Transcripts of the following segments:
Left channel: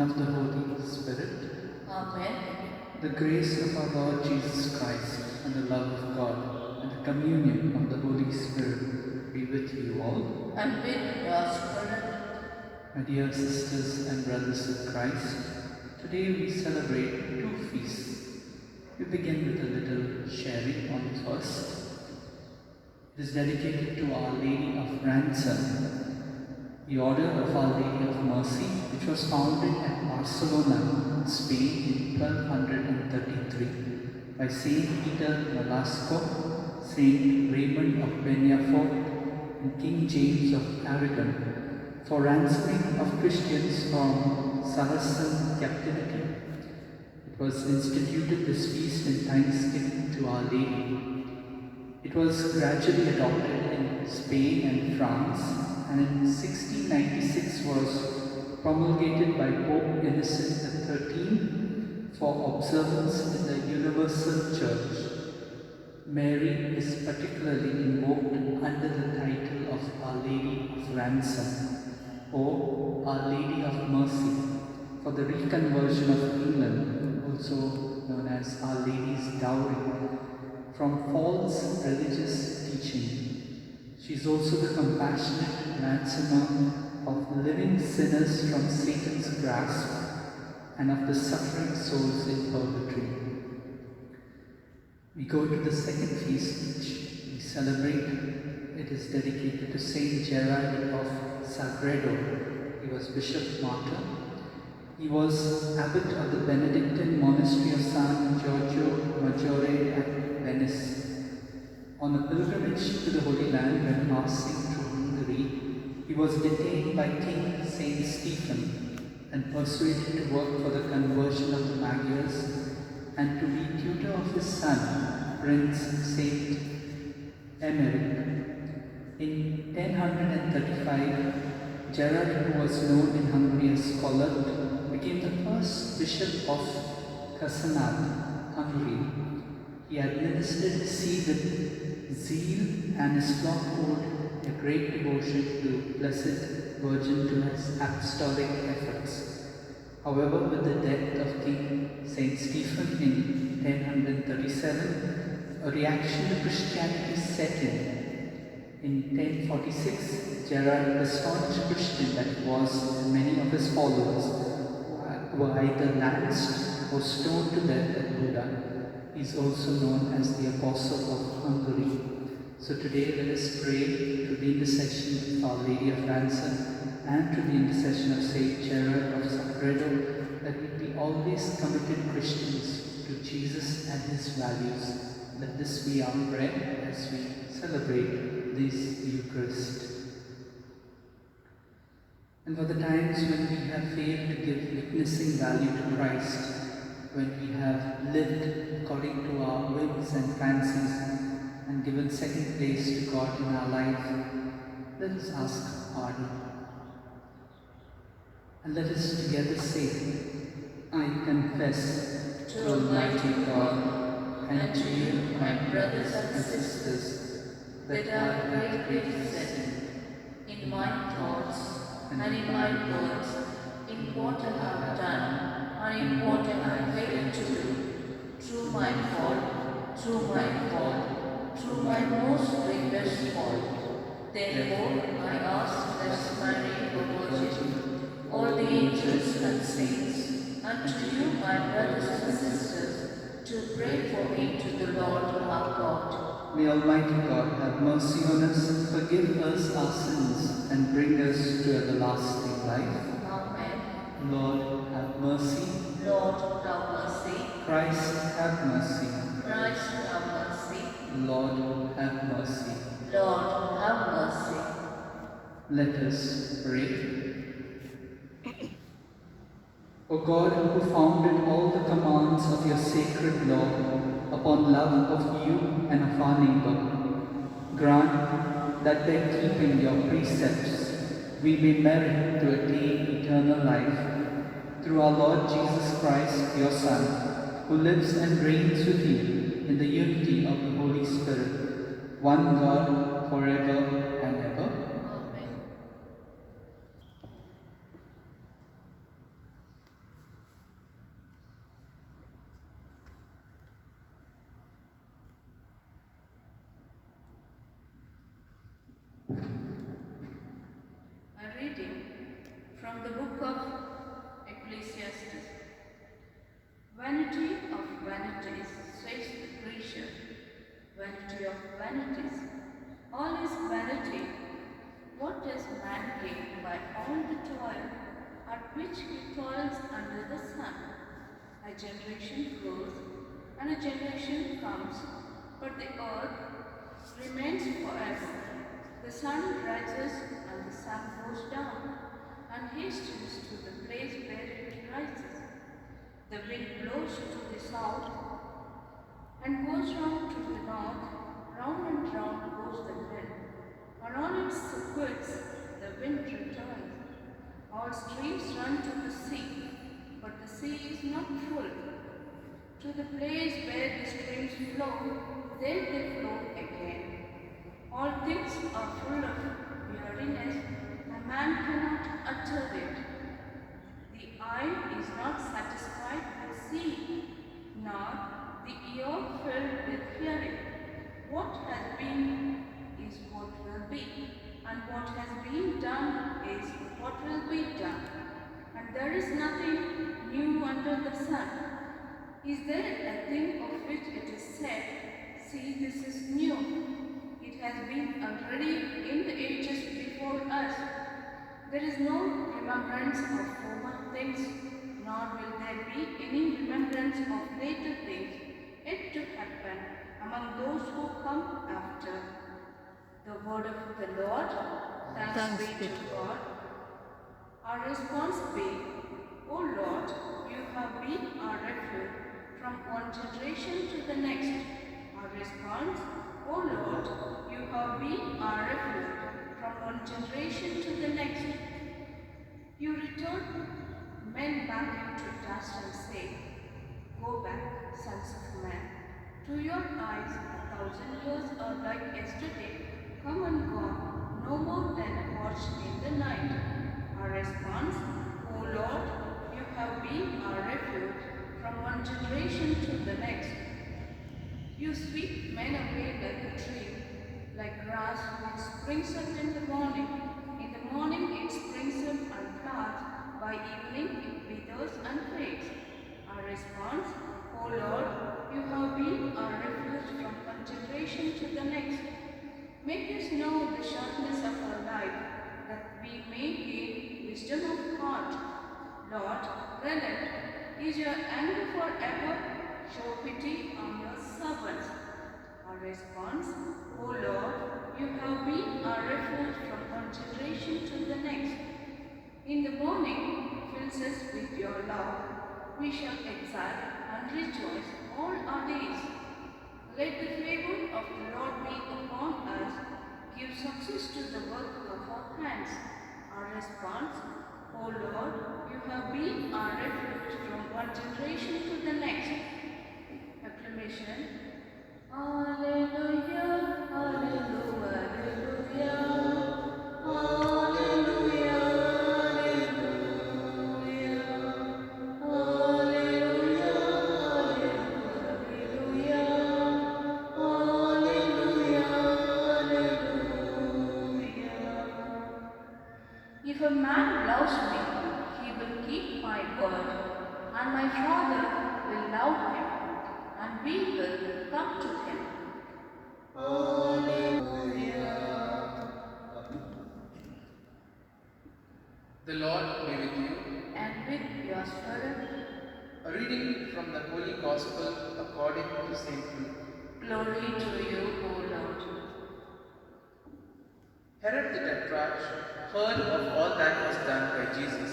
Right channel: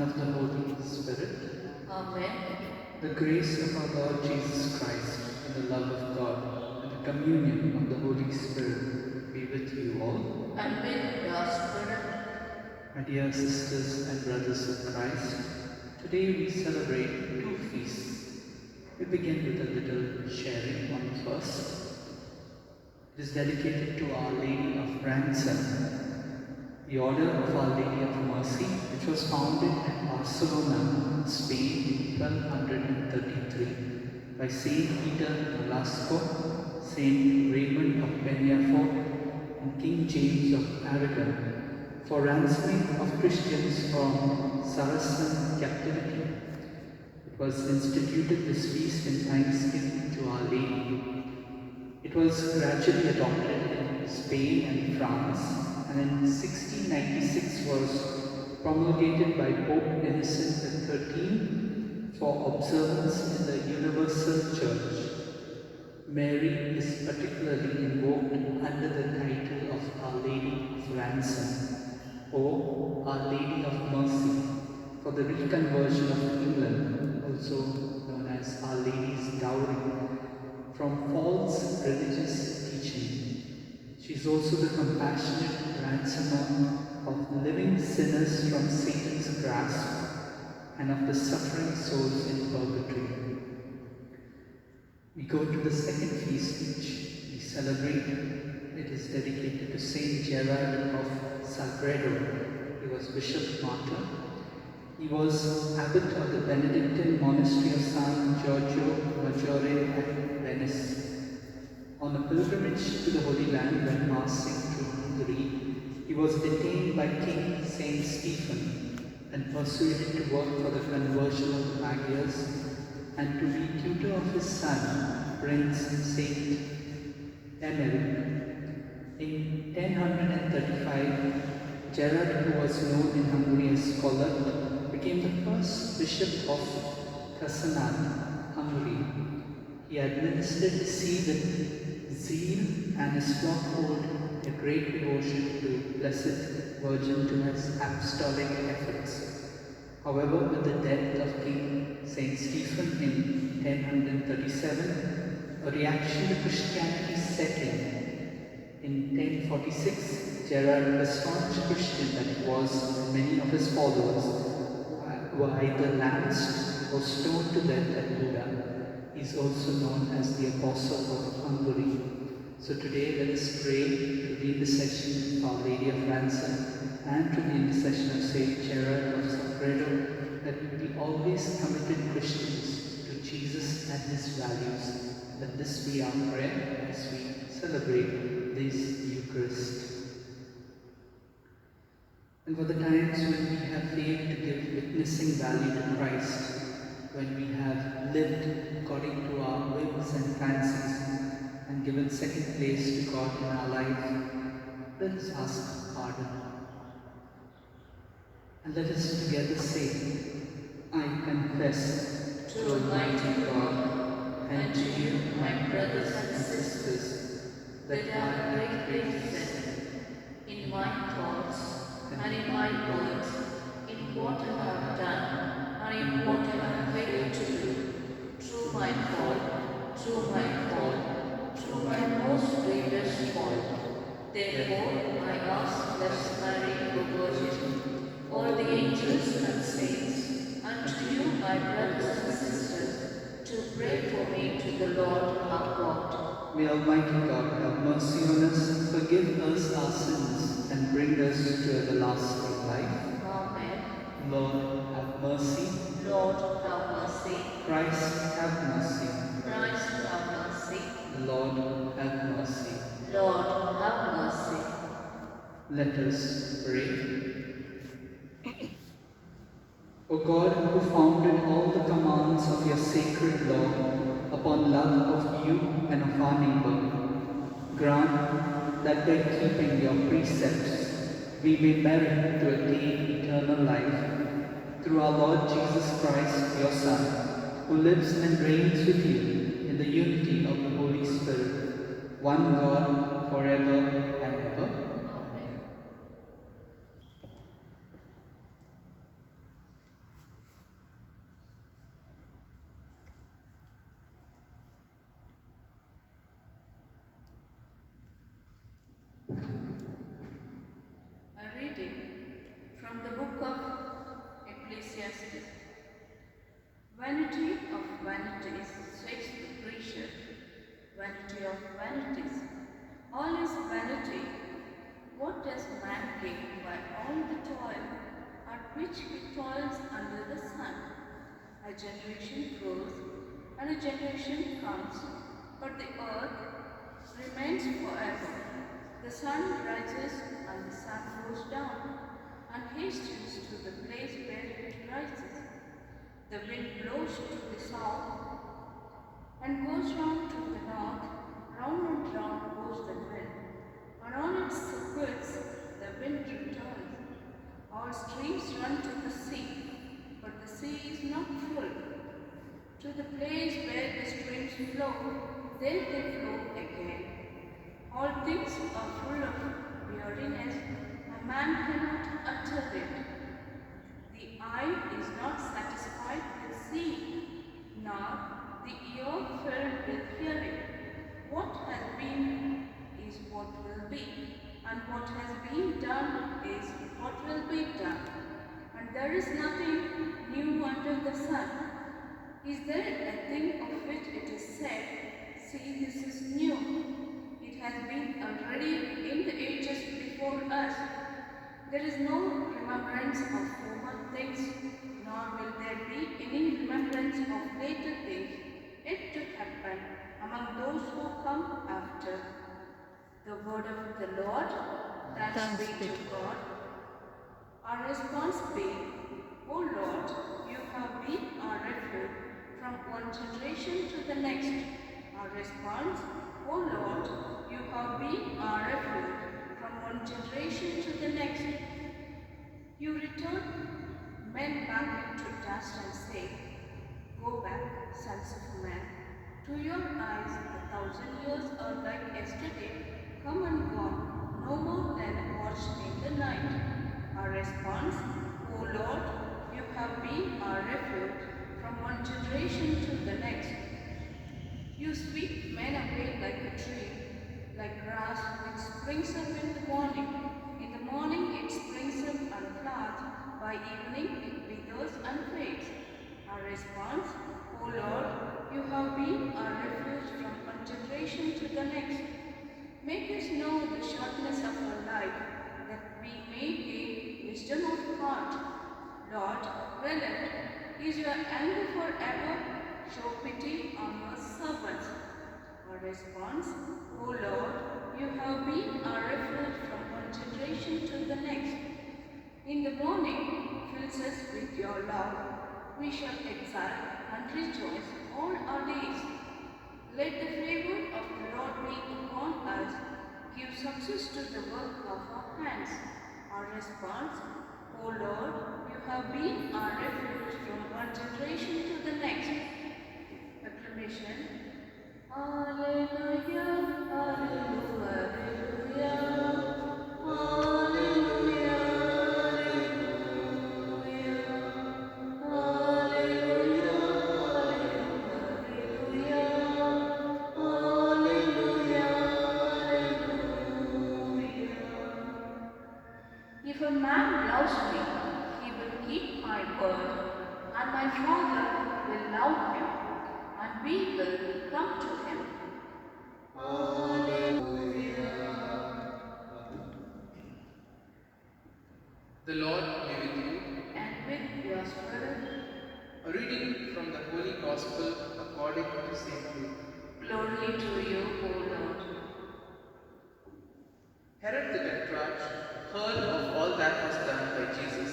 and of the Holy Spirit. Amen. The grace of our Lord Jesus Christ, and the love of God, and the communion of the Holy Spirit be with you all. And with your spirit. My dear sisters and brothers of Christ, today we celebrate two feasts. We begin with a little sharing on the first. It is dedicated to Our Lady of Ransom, the Order of Our Lady of Mercy, which was founded at Barcelona, Spain in 1233 by Saint Peter Nolasco, Saint Raymond of Peñafort, and King James of Aragon, for ransoming of Christians from Saracen captivity. It was instituted this feast in thanksgiving to Our Lady. It was gradually adopted in Spain and France, and in 1696 was promulgated by Pope Innocent XIII for observance in the Universal Church. Mary is particularly invoked under the title of Our Lady of Ransom, or Our Lady of Mercy, for the reconversion of England, also known as Our Lady's Dowry, from false religious teaching. She is also the compassionate ransomer of living sinners from Satan's grasp and of the suffering souls in purgatory. We go to the second feast which we celebrate. It is dedicated to Saint Gerard of Sagredo. He was Bishop Martyr. He was abbot of the Benedictine monastery of San Giorgio Maggiore at Venice. On a pilgrimage to the Holy Land when passing through Hungary, he was detained by King Saint Stephen and persuaded to work for the conversion of the Magyars and to be tutor of his son, Prince Saint Emeric. In 1035, Gerard, who was known in Hungary as scholar, became the first bishop of Casanat, Hungary. He administered see with zeal, and his flock owed a great devotion to Blessed Virgin to his apostolic efforts. However, with the death of King Saint Stephen in 1037, a reaction to Christianity set in. In 1046, Gerard, a staunch Christian that was, many of his followers were either lanced or stoned to death at Buda. He is also known as the Apostle of Hungary. So today let us pray to the intercession of Our Lady of Ransom and to the intercession of Saint Gerard of Sagredo, that we be always committed Christians to Jesus and His values. Let this be our prayer as we celebrate this Eucharist. And for the times when we have failed to give witnessing value to Christ, when we have lived according to our whims and fancies and given second place to God in our life, let us ask pardon. And let us together say, I confess to Almighty God and to you, my brothers and sisters, that I have greatly sinned in my thoughts and in my words, in what I have done and in what I have failed to do, through my fault, through my most grievous fault. Therefore, I ask Blessed Mary, the Virgin, all the angels and saints, and to you, my brothers and sisters, to pray for me to the Lord our God. May Almighty God have mercy on us, forgive us our sins, and bring us to everlasting life. Amen. Lord, have mercy. Lord, have mercy. Christ, have mercy. Christ, have mercy. Lord, have mercy. Lord, have mercy. Let us pray. O God, who founded all the commands of your sacred law upon love of you and of our neighbor, grant that by keeping your precepts we may merit to attain eternal life, through our Lord Jesus Christ, your Son, who lives and reigns with you in the unity of the Holy Spirit, one God, forever and ever. Amen. From the book of Ecclesiastes. Vanity of vanities, says the preacher. Vanity of vanities. All is vanity. What does man gain by all the toil at which he toils under the sun? A generation grows and a generation comes, but the earth remains forever. The sun rises and the sun goes down, and hastens to the place where it rises. The wind blows to the south and goes round to the north. Round and round goes the wind, and on its circuits the wind returns. All streams run to the sea, but the sea is not full. To the place where the streams flow, then they flow again. All things are full of weariness, a man cannot utter it. The eye is not satisfied with seeing, nor the ear filled with hearing. What has been is what will be, and what has been done is what will be done. And there is nothing new under the sun. Is there a thing of which it is said, see, this is new? It has been already in the ages before us. There is no remembrance of former things, nor will there be any remembrance of later things yet to happen among those who come after. The word of the Lord. Thanks be to God. Our response be, O Lord, you have been our refuge from one generation to the next. Our response, O Lord, you have been our refuge from one generation to the next. You return men back into dust and say, go back, sons of men. To your eyes 1,000 years are like yesterday, come and gone, no more than a watch in the night. Our response, O Lord, you have been our refuge from one generation to the next. You sweep men away like a tree, like grass which springs up in the morning. In the morning it springs up and flowers, by evening it withers and fades. Our response, O Lord, you have been our refuge from one generation to the next. Make us know the shortness of our life, that we may gain wisdom of heart. Lord, relent. Is your anger forever? Show pity on your servants. Our response, O Lord, you have been our refuge from one generation to the next. In the morning, fills us with your love. We shall exult and rejoice all our days. Let the favor of the Lord be upon us. Give success to the work of our hands. Our response, O Lord, you have been our refuge from one generation to the next. Acclamation. Alleluia, alleluia, alleluia, alleluia, alleluia, alleluia, alleluia, alleluia. If a man loves me, he will keep my word, and my Father will love him, and we will come to him. The Lord be with you. And with your spirit. A reading from the Holy Gospel according to St. Luke. Glory to you, O Lord. Herod the Tetrarch heard of all that was done by Jesus,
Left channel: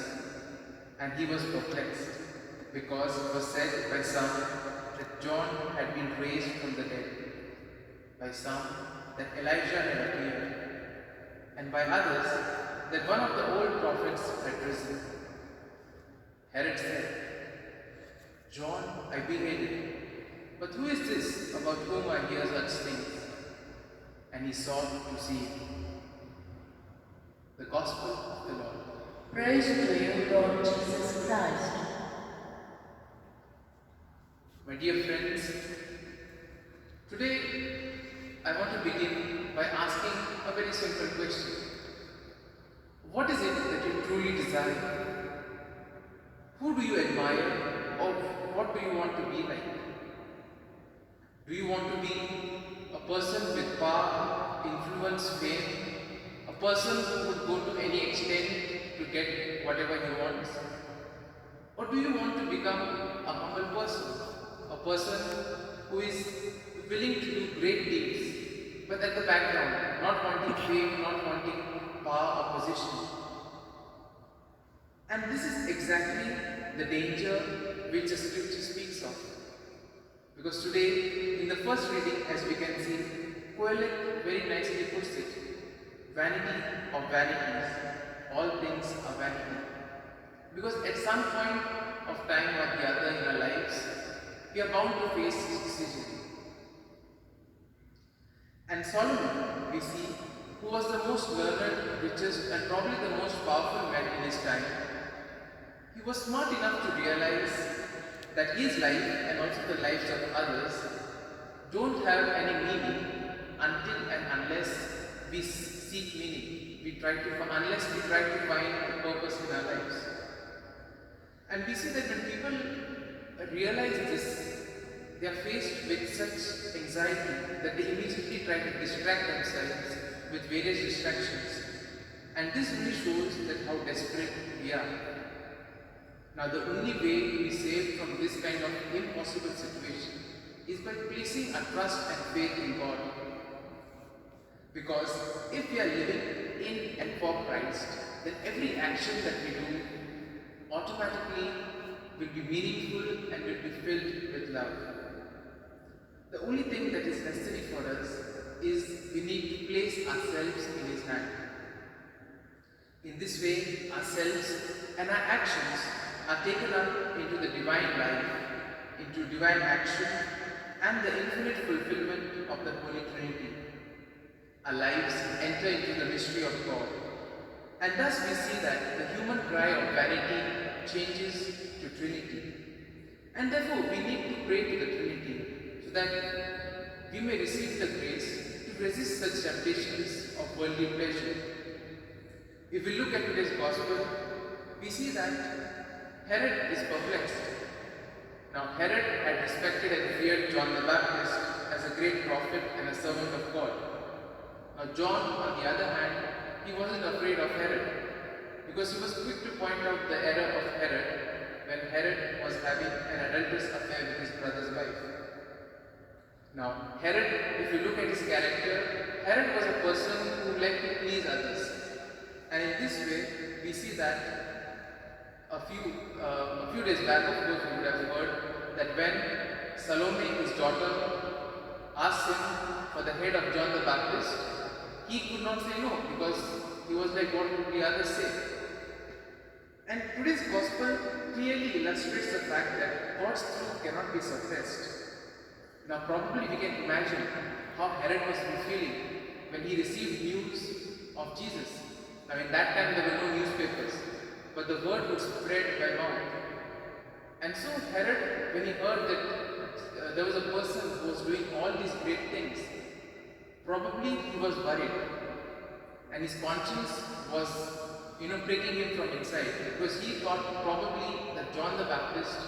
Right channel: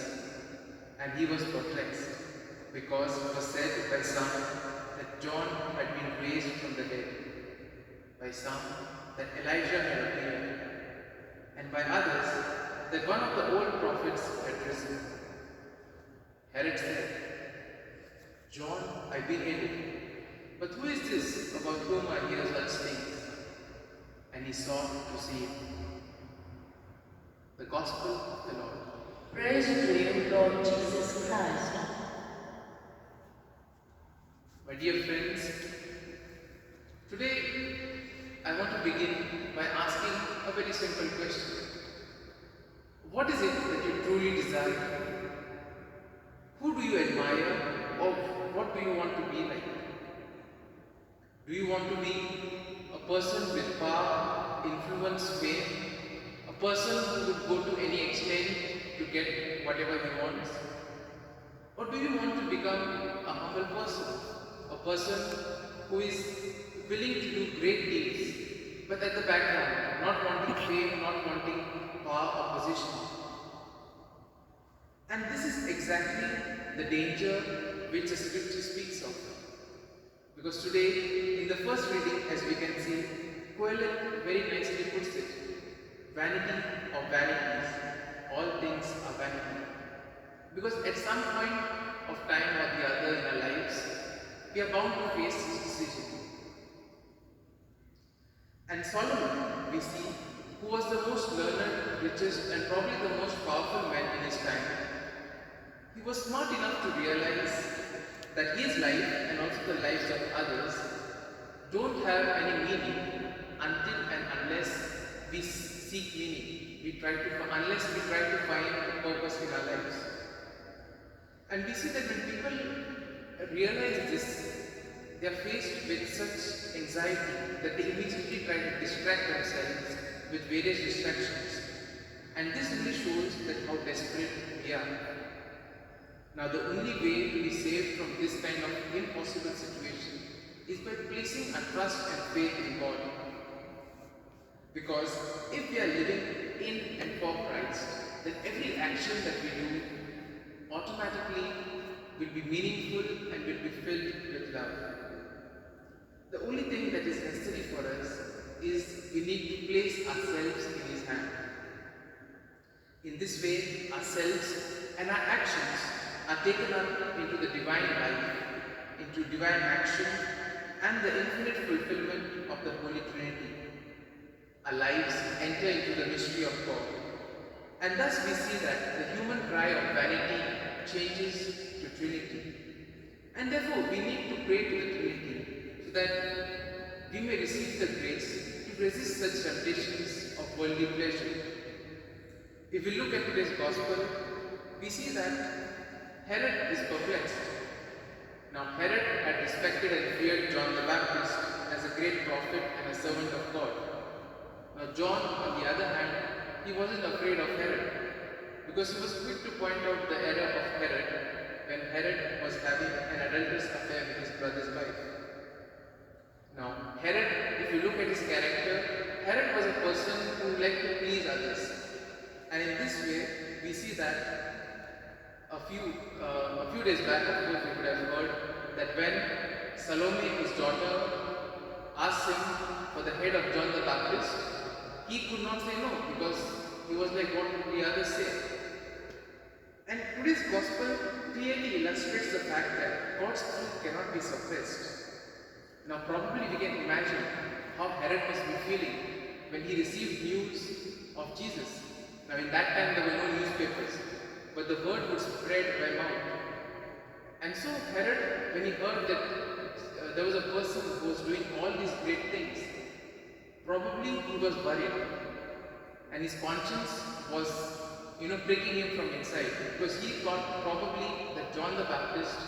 and he was perplexed, because it was said by some that John had been raised from the dead, by some that Elijah had appeared, and by others that one of the old prophets had risen. Herod said, John I beheaded, but who is this about whom I hear such things? And he sought to see him. The Gospel of the Lord. Praise to you, Lord Jesus Christ. My dear friends, today I want to begin by asking a very simple question. What is it that you truly desire? do you want to be like? Do you want to be a person with power, influence, fame? A person who would go to any extent to get whatever he wants? Or do you want to become a humble person? A person who is willing to do great deeds, but at the background, not wanting fame, not wanting power or position? And this is exactly the danger which the scripture speaks of. Because today, in the first reading, as we can see, Kohelet very nicely puts it: vanity of vanities, all things are vanity. Because at some point of time or the other in our lives, we are bound to face this decision. And Solomon, we see, who was the most learned, richest, and probably the most powerful man in his time, he was smart enough to realize that his life and also the lives of others don't have any meaning until and unless we seek meaning. Unless we try to find a purpose in our lives. And we see that when people realize this, they are faced with such anxiety that they immediately try to distract themselves with various distractions. And this really shows that how desperate we are. Now the only way to be saved from this kind of impossible situation is by placing our trust and faith in God. Because if we are living in and for Christ, then every action that we do automatically will be meaningful and will be filled with love. The only thing that is necessary for us is we need to place ourselves in His hand. In this way, ourselves and our actions are taken up into the divine life, into divine action, and the infinite fulfillment of the Holy Trinity. Our lives enter into the mystery of God. And thus we see that the human cry of vanity changes to Trinity. And therefore we need to pray to the Trinity so that we may receive the grace to resist such temptations of worldly pleasure. If we look at today's Gospel, we see that Herod is perplexed. Now Herod had respected and feared John the Baptist as a great prophet and a servant of God. Now John, on the other hand, he wasn't afraid of Herod because he was quick to point out the error of Herod when Herod was having an adulterous affair with his brother's wife. Now Herod, if you look at his character, Herod was a person who liked to please others. And in this way, we see that a few days back, of course, we would have heard that when Salome, his daughter, asked him for the head of John the Baptist, he could not say no because he was like, what would the others say? And today's Gospel clearly illustrates the fact that God's truth cannot be suppressed. Now probably we can imagine how Herod must be feeling when he received news of Jesus. Now in that time there were no newspapers, but the word would spread by mouth. And so Herod, when he heard that there was a person who was doing all these great things, probably he was worried. And his conscience was, pricking him from inside, because he thought probably that John the Baptist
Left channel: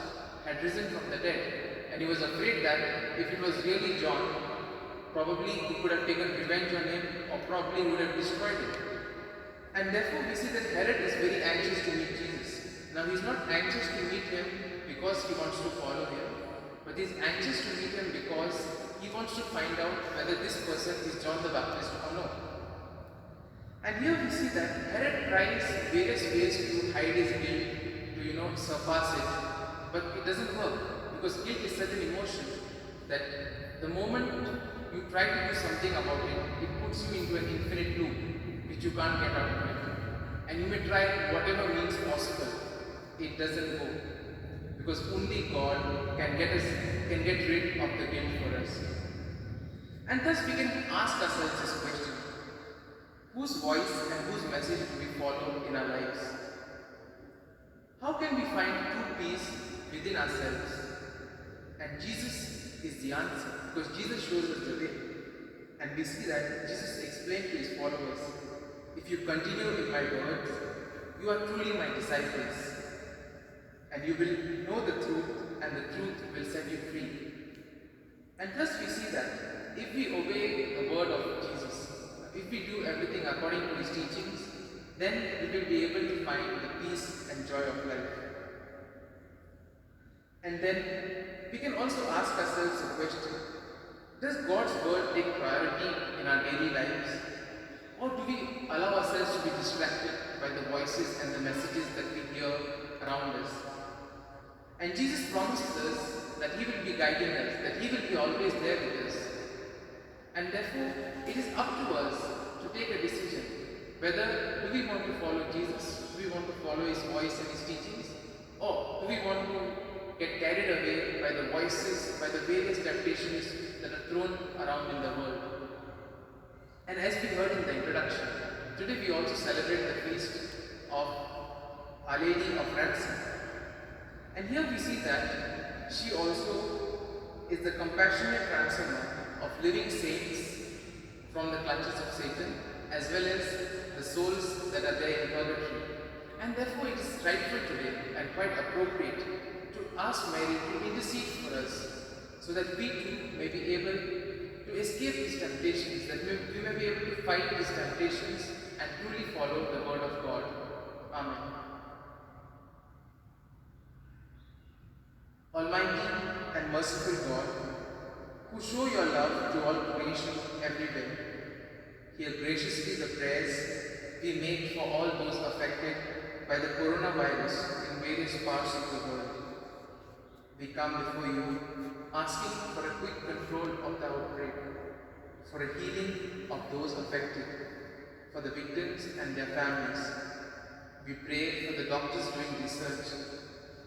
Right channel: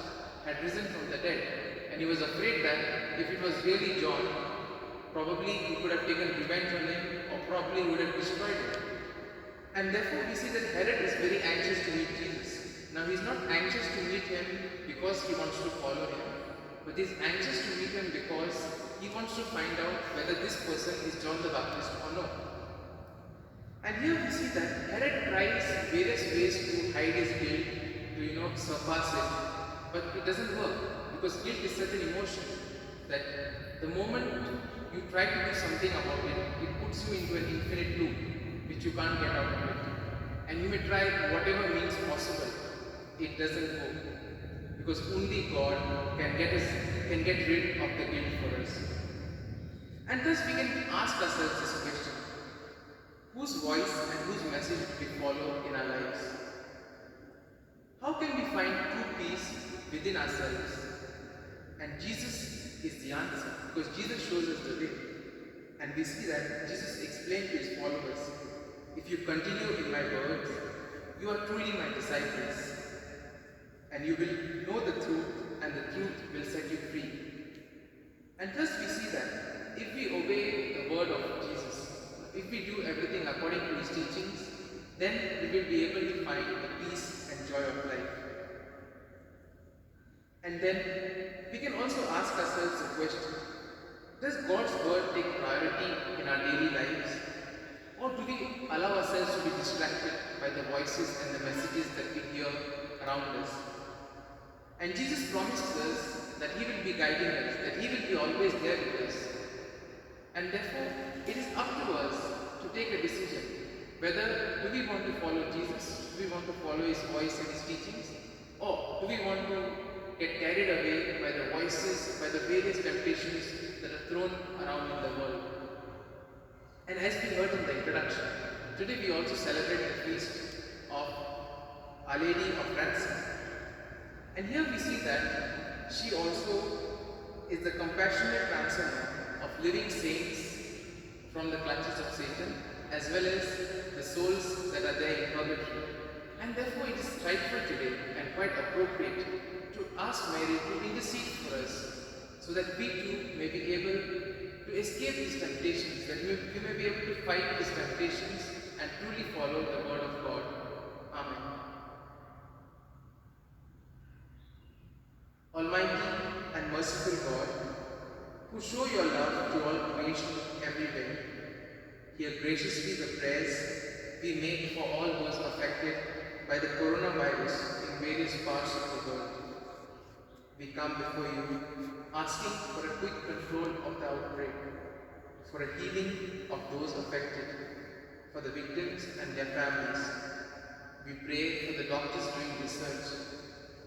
had risen from the dead. And he was afraid that if it was really John, probably he could have taken revenge on him or probably would have destroyed him. And therefore we see that Herod is very anxious to meet Jesus. Now he is not anxious to meet him because he wants to follow him, but he is anxious to meet him because he wants to find out whether this person is John the Baptist or not. And here we see that Herod tries various ways to hide his guilt, to surpass it, but it doesn't work because guilt is such an emotion that the moment you try to do something about it, it puts you into an infinite loop which you can't get out of it. And you may try whatever means possible, it doesn't work because only God can get rid of the guilt for us. And thus we can ask ourselves this question: whose voice and whose message do we follow in our lives? How can we find true peace within ourselves? And Jesus is the answer, because Jesus shows us the way. And we see that Jesus explained to his followers, if you continue in my words, you are truly my disciples, and you will know the truth, and the truth everything according to His teachings, then we will be able to find the peace and joy of life. And then we can also ask ourselves a question: does God's word take priority in our daily lives? Or do we allow ourselves to be distracted by the voices and the messages that we hear around us? And Jesus promises us that He will be guiding us, that He will be always there with us. And therefore, it is up to us to take a decision. Whether do we want to follow Jesus, do we want to follow His voice and His teachings, or do we want to get carried away by the voices, by the various temptations that are thrown around in the world. And as we heard in the introduction, today we also celebrate the feast of Our Lady of Ransom. And here we see that she also is the compassionate ransomer of living saints from the clutches of Satan, as well as the souls that are there in purgatory. And therefore it is rightful today and quite appropriate to ask Mary to intercede for us, so that we too may be able to escape these temptations, that we may be able to fight these temptations and truly follow the word of God. Amen. Almighty and merciful God, who show your love to all creation everywhere, hear graciously the prayers we make for all those affected by the coronavirus in various parts of the world. We come before you asking for a quick control of the outbreak, for a healing of those affected, for the victims and their families. We pray for the doctors doing research,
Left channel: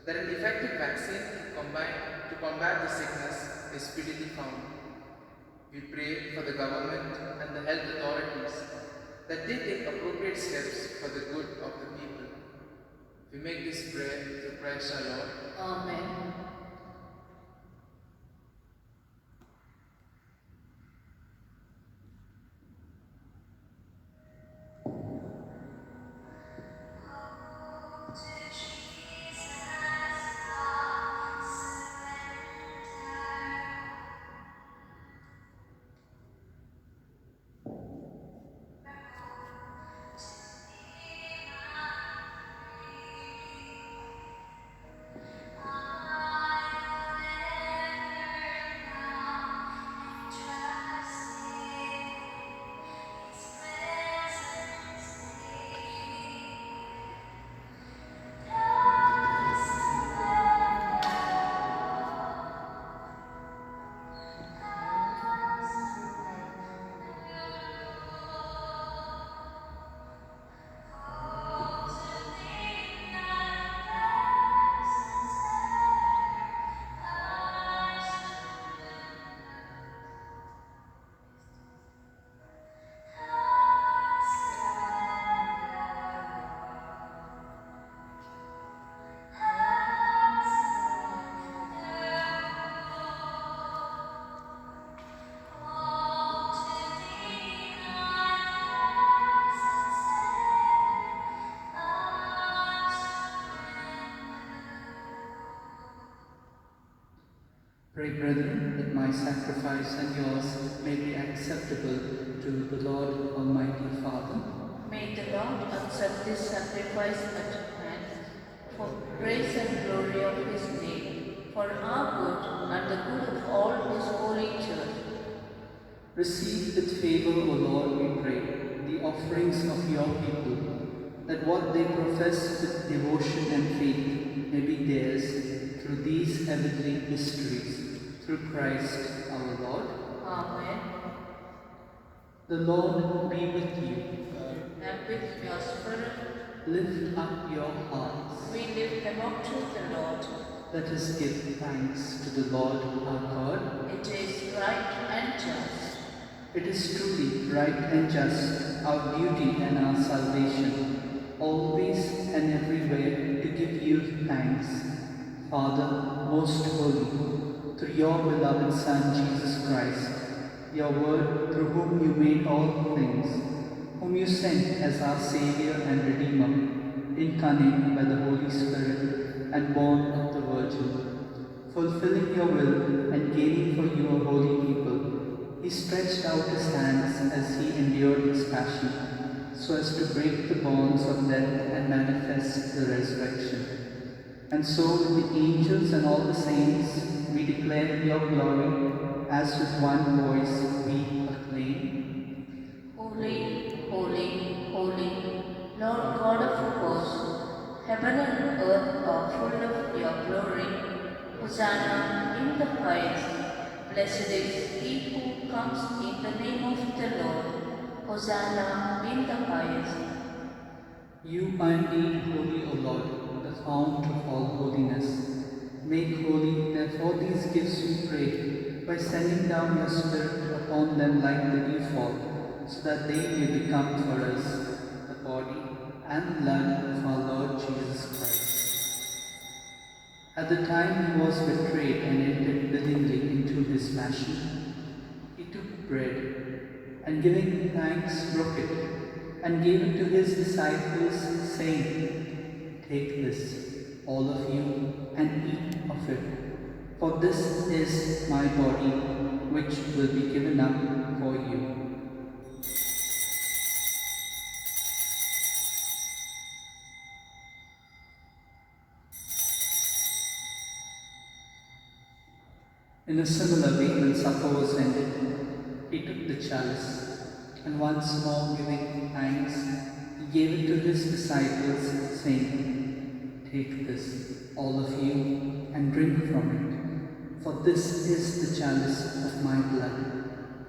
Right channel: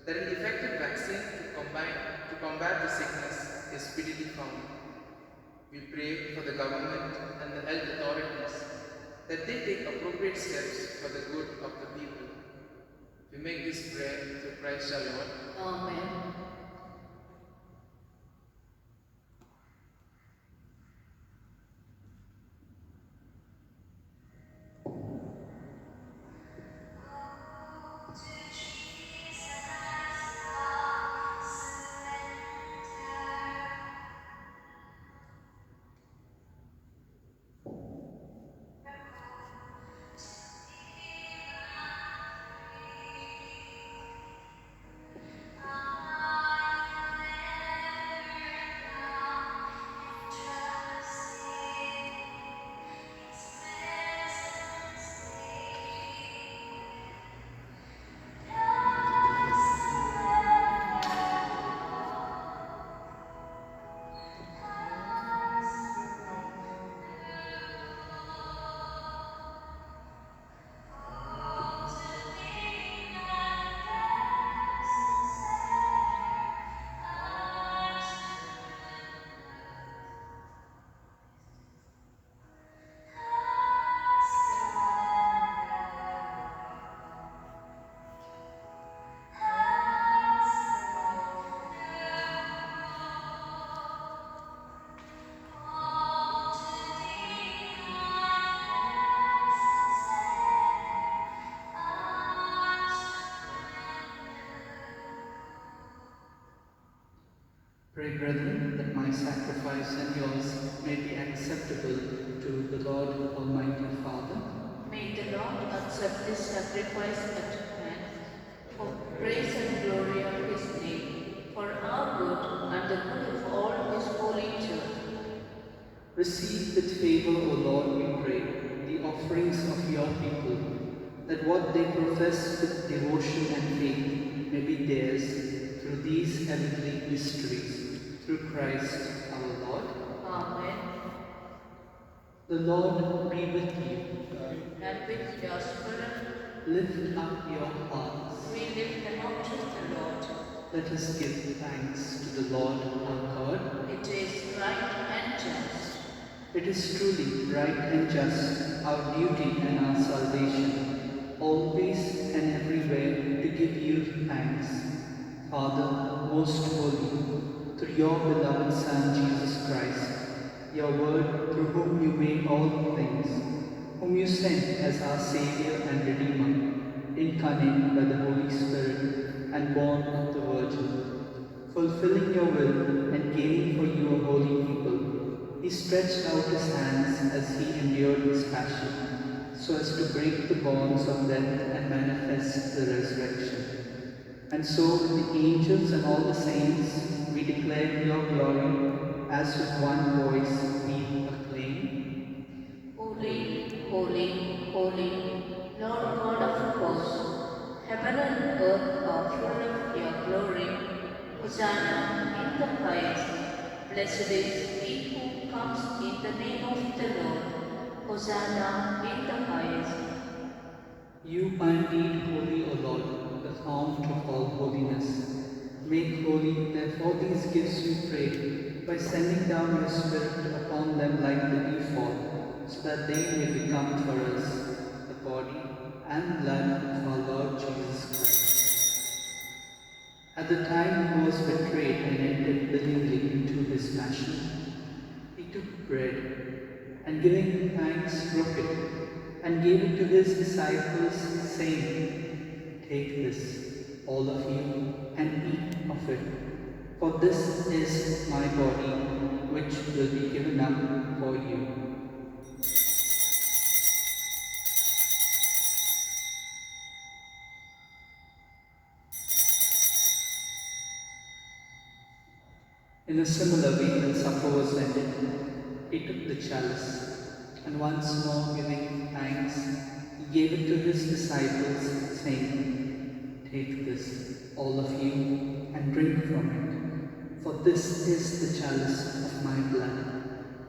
that an effective vaccine to combat the sickness is speedily found. We pray for the government and the health authorities, that they take appropriate steps for the good of the people. We make this prayer through Christ our Lord. Amen. Pray, brethren, that my sacrifice and yours may be acceptable to the Lord Almighty Father. May the Lord accept this sacrifice at hand, for praise and glory of His name, for our good and the good of all His holy church. Receive with favor, O Lord, we pray, the offerings of your people, that what they profess with devotion and faith may be theirs through these heavenly mysteries. Through Christ our Lord. Amen. The Lord be with you. And with your spirit, Lift up your hearts. we lift them up to the Lord. Let us give thanks to the Lord our God. It is right and just. It is truly right and just, our duty and our salvation, always and everywhere to give you thanks, Father most holy, through your beloved Son Jesus Christ, your Word through whom you made all things, whom you sent as our Saviour and Redeemer, incarnate by the Holy Spirit and born of the Virgin, fulfilling your will and gaining for you a holy people, he stretched out his hands as he endured his passion, so as to break the bonds of death and manifest the resurrection. And so, with the angels and all the saints, we declare your glory, as with one voice we acclaim. Holy, holy, holy, Lord God of hosts, heaven and earth are full of your glory. Hosanna in the highest. Blessed is he who comes in the name of the Lord. Hosanna in the highest. You are indeed holy, O Lord, the fount of all holiness. Make holy, therefore, these gifts we pray, by sending down your Spirit upon them like the dewfall, so that they may become for us the body and blood of our Lord Jesus Christ. At the time he was betrayed and entered willingly into his passion, he took bread, and giving thanks, broke it, and gave it to his disciples, saying, "Take this, all of you, and eat of it, for this is my body, which will be given up for you." In a similar way, when supper was ended, he took the chalice, and once more giving thanks, he gave it to his disciples, saying, "Take this, all of you, and drink from it, for this is the chalice of my blood,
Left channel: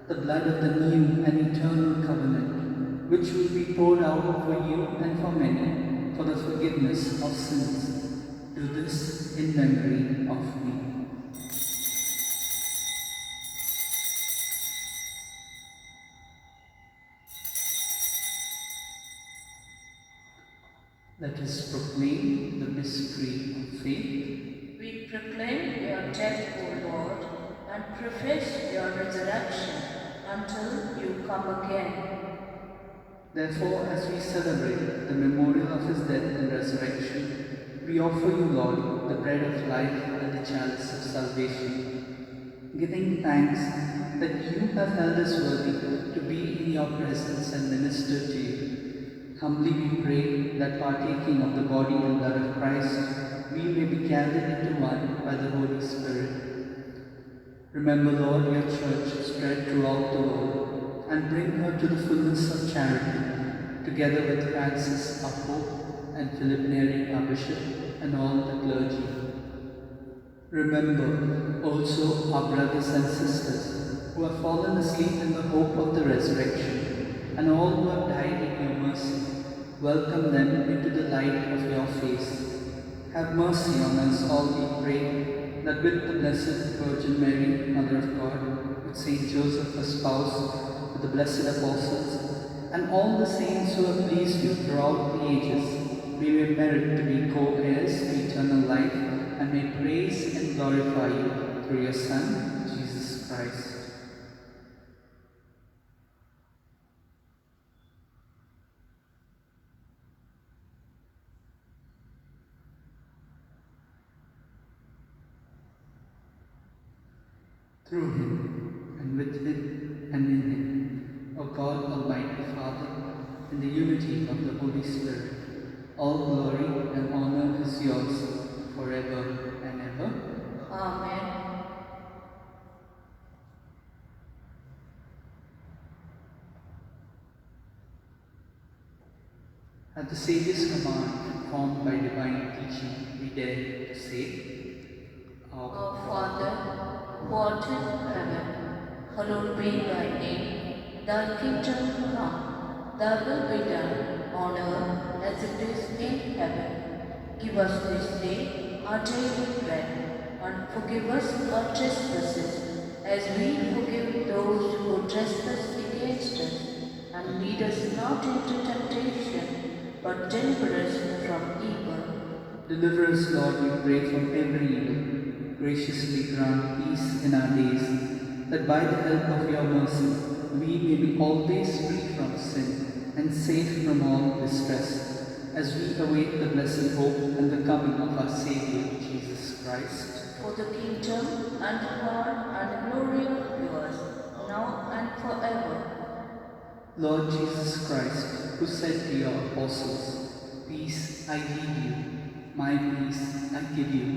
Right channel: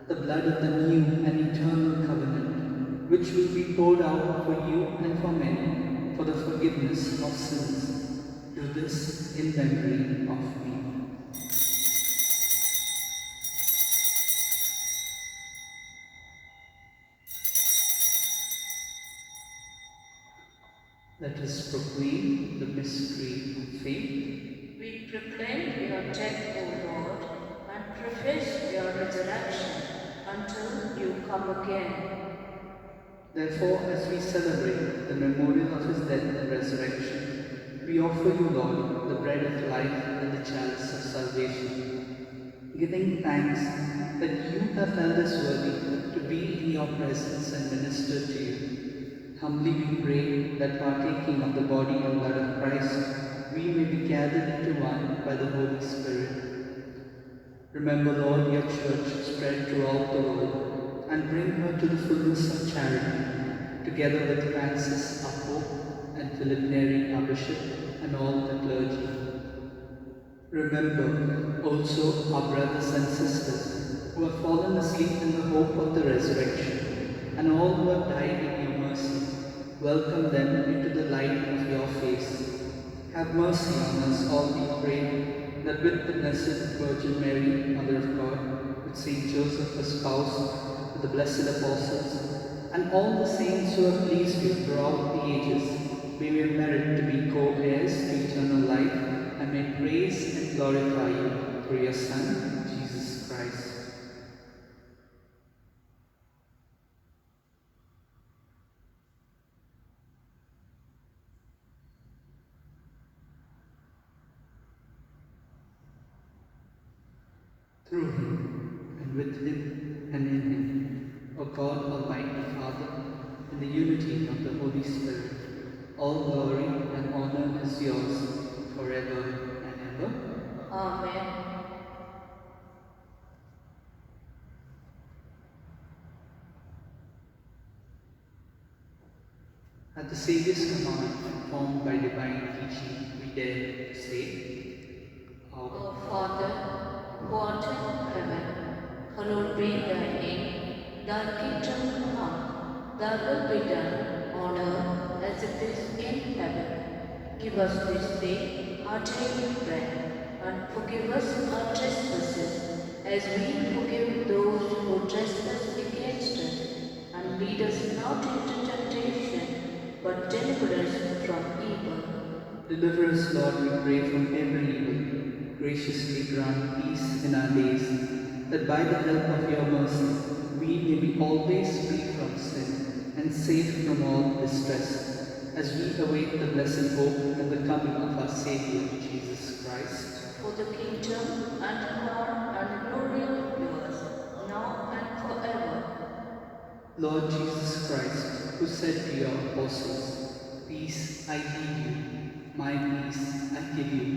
the blood of the new and eternal covenant, which will be poured out for you and for many, for the forgiveness of sins. Do this in memory of me." Let us proclaim the mystery of faith. We proclaim your death, O Lord, and profess your resurrection until you come again. Therefore, as we celebrate the memorial of his death and resurrection, we offer you, Lord, the bread of life and the chalice of salvation, giving thanks that you have held us worthy to be in your presence and minister to you. Humbly we pray that partaking of the body and blood of Christ, we may be gathered into one by the Holy Spirit. Remember, Lord, your church spread throughout the world, and bring her to the fullness of charity, together with Francis, our Pope, and Philip Neri, our Bishop, and all the clergy. Remember also our brothers and sisters who have fallen asleep in the hope of the resurrection, and all who have died in your mercy. Welcome them into the light of your face. Have mercy on us all, we pray, that with the Blessed Virgin Mary, Mother of God, with Saint Joseph, her spouse, with the blessed apostles, and all the saints who have pleased you throughout the ages, we may merit to be co-heirs to eternal life, and may praise and glorify you through your Son, Jesus Christ. Through him, and with him, and in him, O God, Almighty Father, in the unity of the Holy Spirit, all glory and honor is yours forever and ever. Amen. At the Saviour's command, formed by divine teaching, we dare to say, Our Father, who art in heaven, hallowed be thy name. Thy kingdom come, thy will be done on earth as it is in heaven. Give us this day our daily bread, and forgive us our trespasses, as we forgive those who trespass against us. And lead us not into temptation, but deliver us from evil. Deliver us, Lord, we pray, from every evil. Graciously grant peace in our days, that by the help of your mercy we may be always free from sin and safe from all distress, as we await the blessed hope and the coming of our Saviour, Jesus Christ. For the kingdom and the power and the glory are yours, now Lord Jesus Christ, who said to your apostles, "Peace I leave you, my peace I give you,"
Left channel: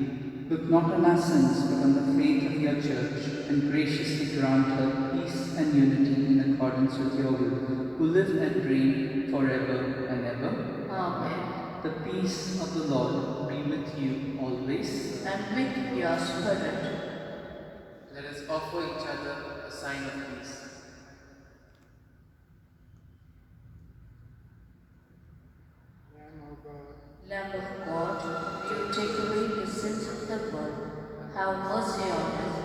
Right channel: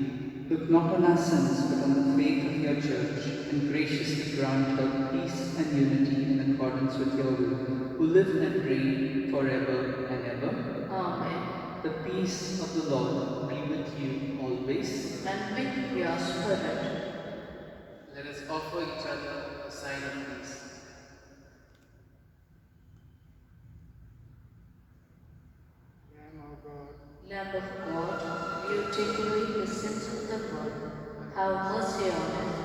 look not on our sins but on the faith of your church, and graciously grant her peace and unity in accordance with your will, who live and reign forever and ever. Amen. The peace of the Lord be with you always. And with your spirit. Let us offer each other a sign of peace. Lamb of God, you take away the sins of the world. Have mercy on us.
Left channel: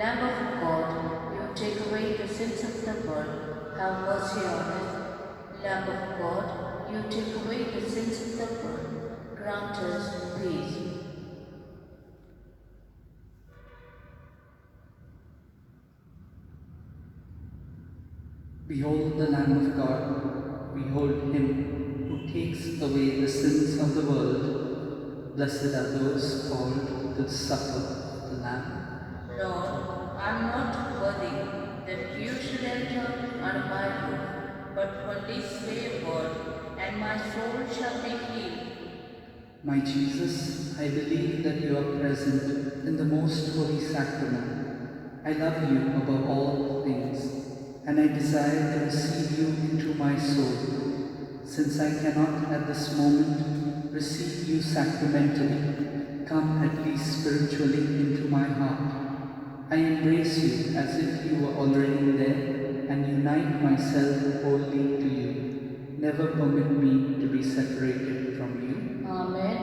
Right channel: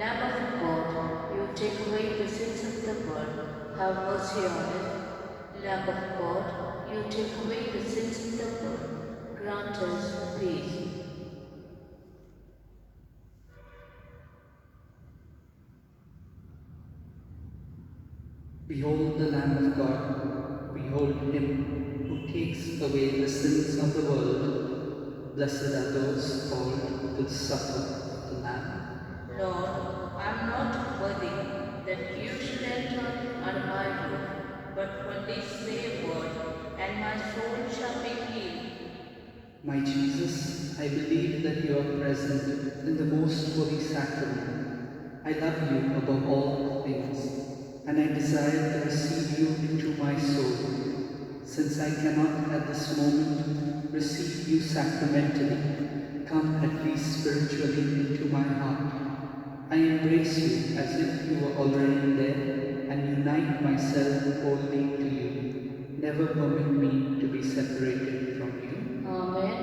Lamb of God, you take away the sins of the world. Have mercy on us. Lamb of God, you take away the sins of the world. Grant us peace. Behold the Lamb of God, behold him who takes away the sins of the world. Blessed are those called to the supper of the Lamb. Lord, I am not worthy that you should enter under my roof, but only say a word, and my soul shall be healed. My Jesus, I believe that you are present in the most holy sacrament. I love you above all things, and I desire to receive you into my soul. Since I cannot at this moment receive you sacramentally, come at least spiritually into my heart. I embrace you as if you were already there and unite myself wholly to you. Never permit me to be separated from you. Amen.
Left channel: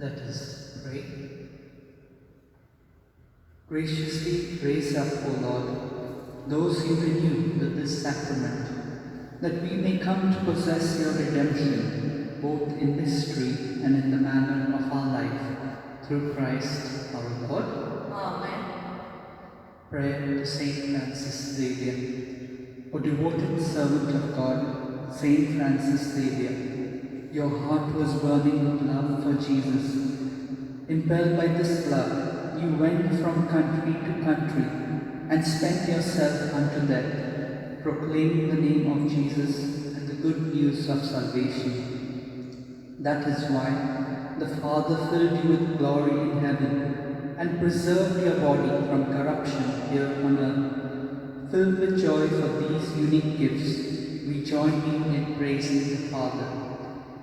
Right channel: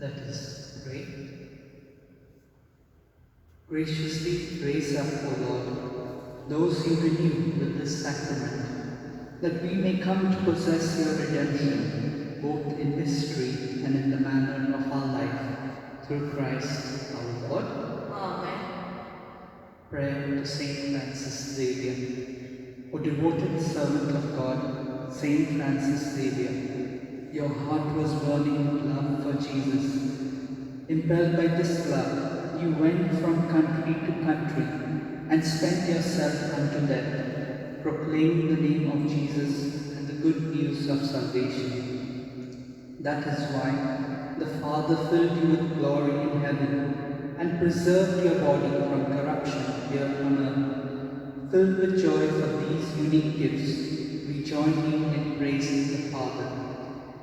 Let us pray. Graciously raise up, O Lord, those you renew with this sacrament, that we may come to possess your redemption, both in mystery and in the manner of our life, through Christ our Lord. Amen. Prayer to Saint Francis Xavier. O devoted servant of God, Saint Francis Xavier, your heart was burning with love for Jesus. Impelled by this love, you went from country to country and spent yourself unto death, proclaiming the name of Jesus and the good news of salvation. That is why the Father filled you with glory in heaven and preserved your body from corruption here on earth. Filled with joy for these unique gifts, we join you in praising the Father.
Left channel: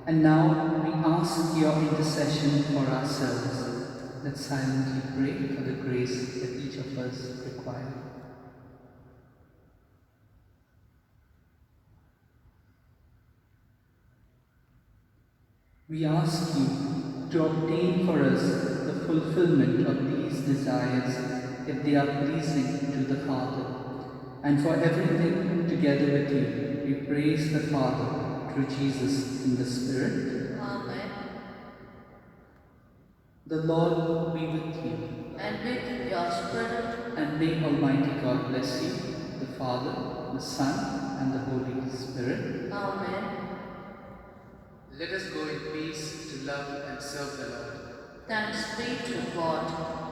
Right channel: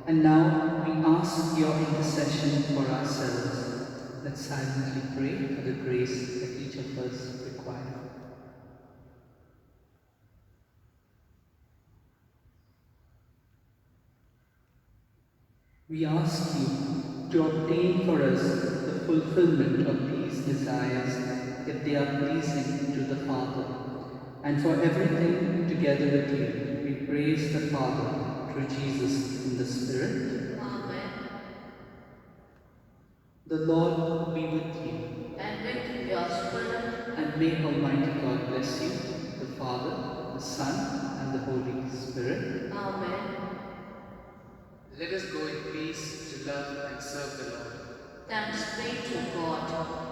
And now we ask your intercession for ourselves. Let's silently pray for the grace that each of us require. We ask you to obtain for us the fulfillment of these desires if they are pleasing to the Father. And for everything together with you, we praise the Father through Jesus in the Spirit. Amen. The Lord be with you, And with your spirit. and may Almighty God bless you, the Father, the Son, and the Holy Spirit. Amen. Let us go in peace to love and serve the Lord. Thanks be to God.